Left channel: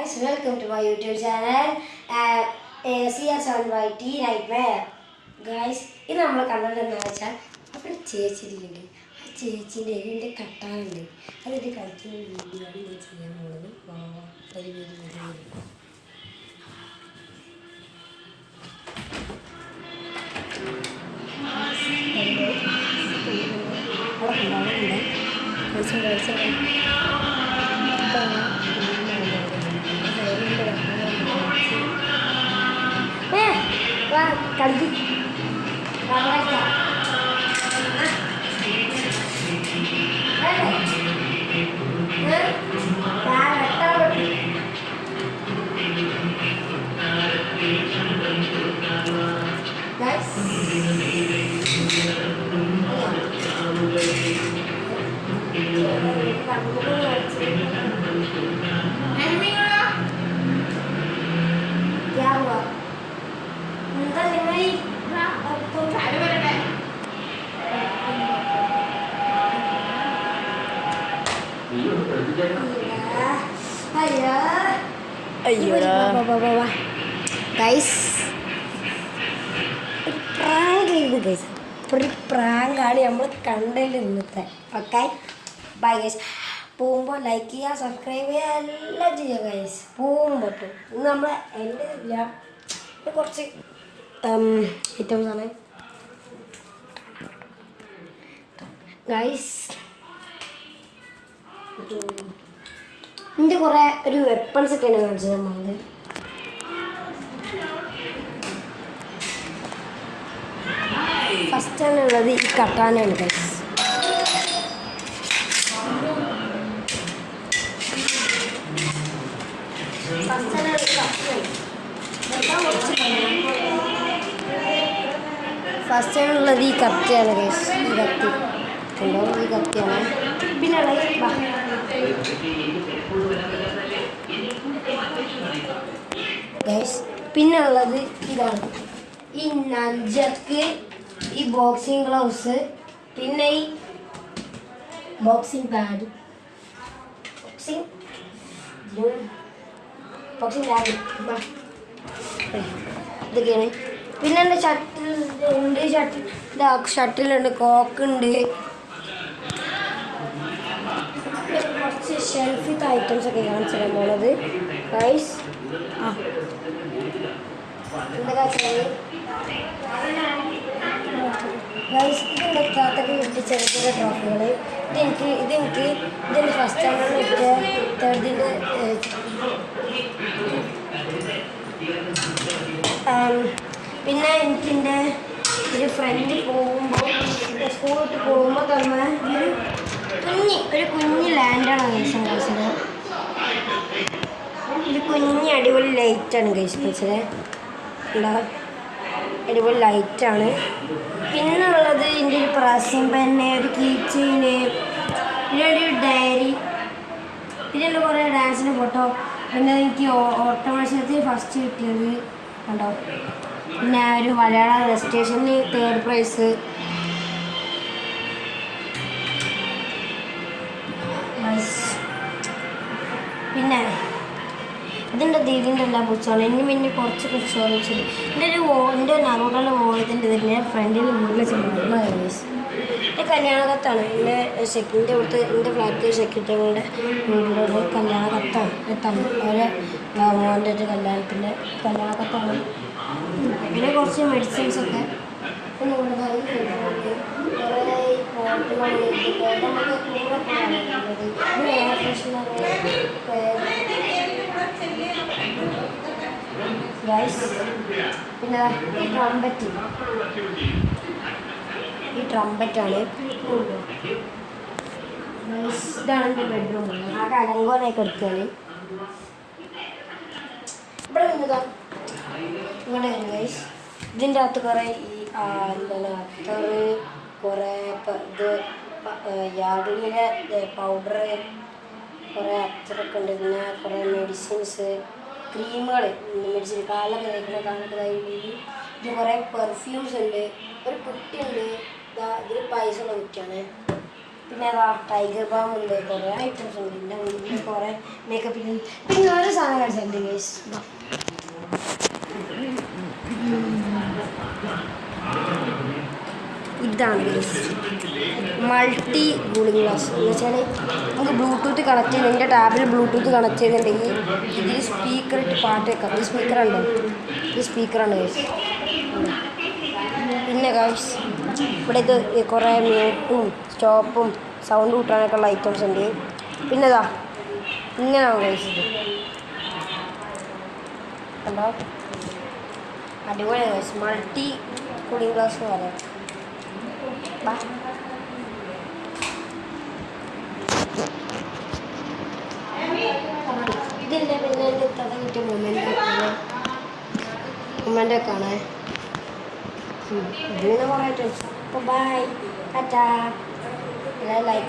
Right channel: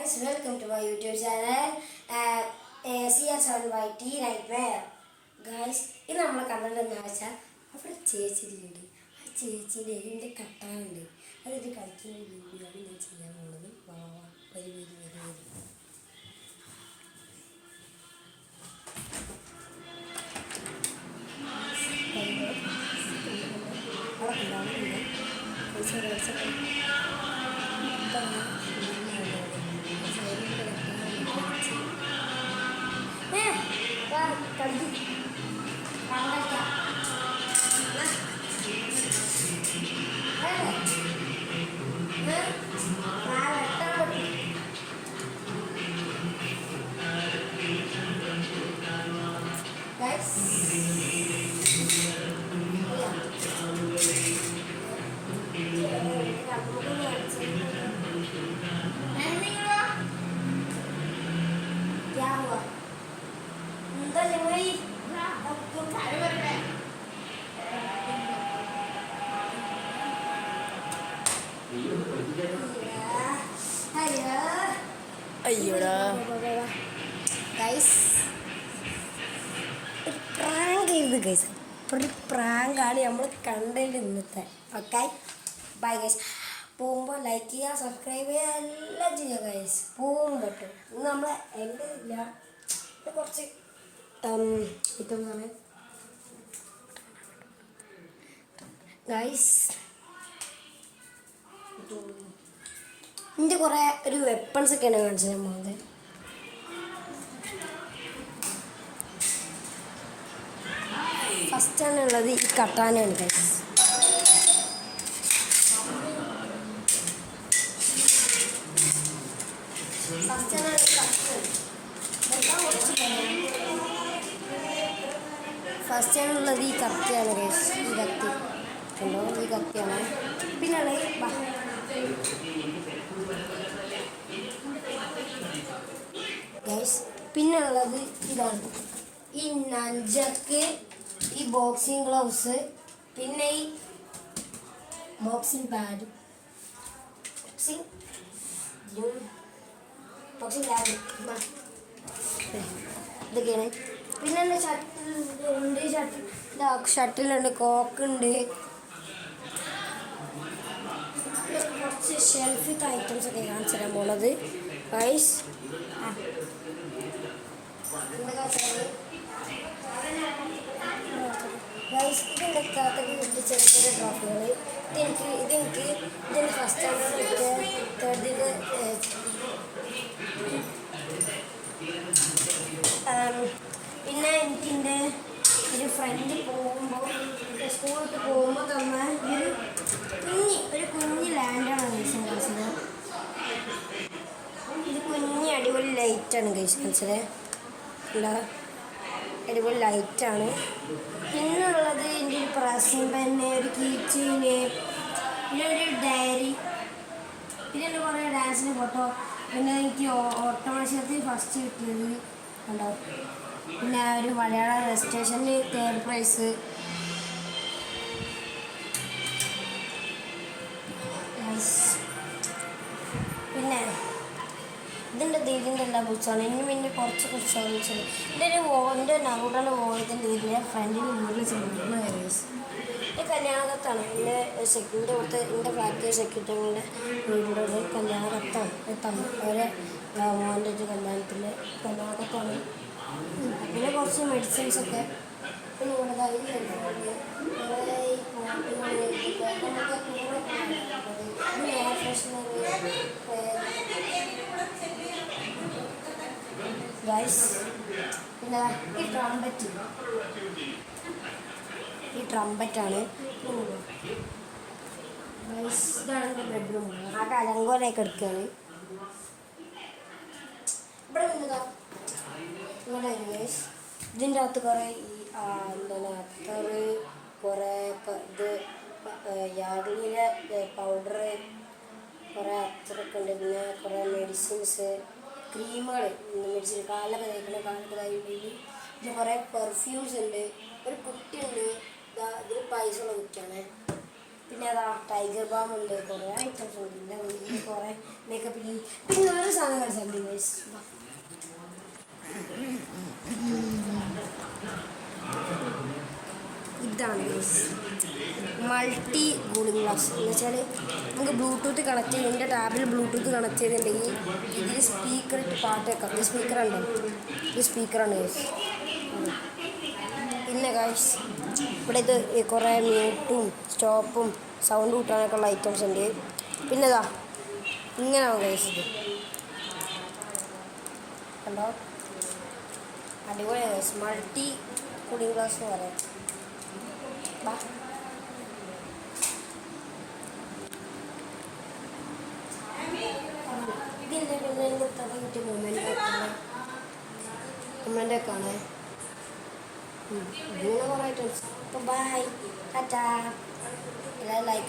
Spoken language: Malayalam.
guys, welcome to my YouTube channel CR7YT Nightmare. Guys, ഇത് നമ്മൾ കണ്ടത് എന്താണെന്ന് വെച്ചാൽ അവിടെ ചേച്ചിയിലുണ്ട്. ആ ചേച്ചീൻ്റെ എൻ്റെ കട്ടാനുണ്ട്. അതെൻ്റെ കളിക്കുന്ന വീഡിയോ ആണ് ഞാൻ ചെയ്യാൻ പോകുന്നത്. ഒരു കളി क्या हुआ अंदर नहीं आपको ഗൈസ് പ്രാങ്ക് ചെയ്ത് ഗൈസ് ഒരു പ്രാങ്കാണ് നമ്മൾ കണ്ടതിൽ ഇന്നത്തെ. Okay bye guys. പോകുമ്പോൾ ലൈക്ക് ചെയ്യുക, സബ്സ്ക്രൈബ് ചെയ്യുക, എല്ലാം ചെയ്യുക ഗൈസ്. പോകുമ്പോൾ ഇന്ന് നമ്മൾ എൻ്റെ ഇല്ല കുറച്ച് ഐറ്റംസ് ആണ് ഗൈസ്. ഇതിൻ്റെ കുറേ ഒരു വെപ്പൺസ് ഒക്കെയാണ് കാണിച്ചത് നമ്മളത്. ഫസ്റ്റ് ഉള്ളത് ഈ കട്ടാനയാണ് ഗൈസ്. ഫസ്റ്റ് ഉള്ളത് ഈ കത്തിയാണ് ഗൈസ്. ഈ കത്തി കണ്ടോ, ഈ കത്തിയാണ്. പിന്നെ ഗൈസ് പിന്നെ ഉള്ളത് ഇതാണ് ഈ നഞ്ചക്ക്, ഈ ബോക്സിങ് ഗ്ലൗസ്, പിന്നെ ഈ ബോക്സിങ് പാഡ്, ബോക്സിങ് ബാഗ് ഇതൊക്കെയാണ്. പിന്നെ എൻ്റെ ഷട്ടിലുണ്ട്, ഷട്ടിലുണ്ട്, കോക്കുണ്ട്, കുറച്ച് ഷെൽഫിത്തെ ഐറ്റംസ് ഒക്കെ കാണിച്ചു തരാൻ പോണത് ഗൈസ്. എന്തൊക്കെ വെച്ചാൽ ഗൈസ് ഇതിൻ്റെ കാത്തൊക്കെ കിട്ടിയ ചെറിയ ചെറിയ ട്രോഫികൾ. ഇതെനിക്ക് ഇതിൻ്റെ ഫസ്റ്റ് സ്റ്റാൻഡേർഡ് തേർഡിൻ്റെ പിന്നെ എനിക്കെൻ്റെ ഒരു ഫ്രണ്ട് പോകുമ്പോൾ സ്കൂളിൽ പോകുമ്പോൾ തന്നെ ഒരു കുഞ്ഞ് ലാൻഡാണ് ഗൈസ് കളിച്ചത്. ഒരു കുഞ്ഞ് അടിപൊളി ലൈറ്റാണ് ഗൈസ് കളിച്ചത്. എന്താ അടിപൊളി ലൈറ്റാണ്. പിന്നെ ഉള്ളത് എൻ്റെ ഒരു പ്രാസിംഗ് പെന്ന്, ഒരു കീച്ചീന്, പിന്നെ ഒരു ഡയറി, പിന്നെ കുറേ ഡാൻസിൻ്റെ ഫോട്ടോ. പിന്നെ എനിക്ക് ഓട്ട മത്സരത്തിൽ ഫസ്റ്റ് കിട്ടിയത് കണ്ടോ. പിന്നെ ഒരു മലയാള രജിസ്ട്രേഷന് തേർഡ് പ്രൈസ്. പിന്നെ ഇതിൻ്റെ ദീദിൻ്റെ എല്ലാ പുസ്തകമാണ്. ഇനി പിന്നെ കുറച്ച് പുസ്തകം വെച്ചത് എൻ്റെ നറൂട്ടൻ്റെ വോളത്തിൻ്റെ ഇതിൻ്റെ ഫ്രണ്ടിന് മുകളിൽ ചെല്ലുന്ന ഗൈസ്. എൻ്റെ കല്യാണ കത്താണ്. എൻ്റെ സെക്യൂരിറ്റി കൊടുത്ത് എൻ്റെ ഫ്ലാറ്റ് സെക്യൂരിറ്റികളുടെ വീട്ടിലുള്ള കല്യാണ കത്താണ്. അവരെ മോൻ്റെ ഒരു കല്യാണത്തിൻ്റെ കല്യാണ കത്താണ്. പിന്നെ കുറച്ച് മെഡിസിൻസൊക്കെ. പിന്നെ നമ്മുടെ കുറേ പോട്ടുകൾ നമുക്ക് കൂടെ എയർ ഫ്രഷ്നർ ഗൈസ്. പിന്നെ ഈ ട്രംപറ്റാണ്. ഇതാണ് എൻ്റെ ബെഡ്റൂം. ആ കലങ്കോലൊക്കെ എടുക്കുകയാണ്. ഇവിടെ നിന്നതാ ഇങ്ങനെ ഗൈസ്. ഇതിൻ്റെ അകത്ത് കുറേ ഈ എന്താണ് അത്തറ്, കുറേ ഇത് യാർഡിലെ പൗഡർ, കുറേ അത്തറൊക്കെ ഉണ്ട്. പിന്നെ കുറേ മെഡിസിൻസ്, ക്രീമുകൾ, മെഡിസിൻ കാലൊക്കെ തയ്ക്കുന്ന കാലൊക്കെ തയ്ക്കുന്നത്. ഇത് കുറേ പെർഫ്യൂംസ് ഉണ്ട്. ഒരു കുട്ടിയുണ്ട്, ഇത് പൈസ ഉള്ള കുട്ടിയാണ്. പിന്നെ അതാ ടൈഗർ ബാം ഉണ്ട്. കുറേ ഐറ്റംസ് ഉണ്ട്. പിന്നെ കുറേ മേക്കപ്പ്. പിന്നെ ഒരു സാധനം സെറ്റ് ഗൈസ്. ഇതാണ് ഗൈസ് മൾട്ടി കൂളിംഗ് ഗ്ലാസ് എന്ന് വെച്ചാൽ നമുക്ക് ബ്ലൂടൂത്ത് കണക്ട് ചെയ്ത് എൻ്റെ ടാബിൽ ബ്ലൂടൂത്ത് കണക്ട് ചെയ്തിട്ടുണ്ടെങ്കിൽ ഇതിൽ സ്പീക്കർ ഇട്ട് പാട്ട് വെക്കാം. ഇത് സ്പീക്കറുണ്ട്, ഇത് സ്പീക്കറാണ് ഗൈസ്. പിന്നെ ഗൈസ് ഇവിടെ ഇത് കുറേ മ്യൂട്ടും സ്റ്റോപ്പും സൗണ്ട് കൂട്ടാനൊക്കെ ഉള്ള ഐറ്റംസ് ഉണ്ട്. പിന്നെ ഇതാ ഇങ്ങനെയാണ് ഗൈസ് ഇത് കണ്ടോ, അടിപൊളി ഗൈസ്. മൾട്ടി കൂളിംഗ് ഗ്ലാസ് എന്ന് പറയാം. ഇതിൻ്റെ പിന്നെ എൻ്റെ തല കിട്ടിയ മൊമെൻ്റ് ഒക്കെ ആണ്. ഇതിന് കുറേ ഐറ്റംസ്. അപ്പോൾ ബൈ ടാറ്റാ. ലൈക്ക്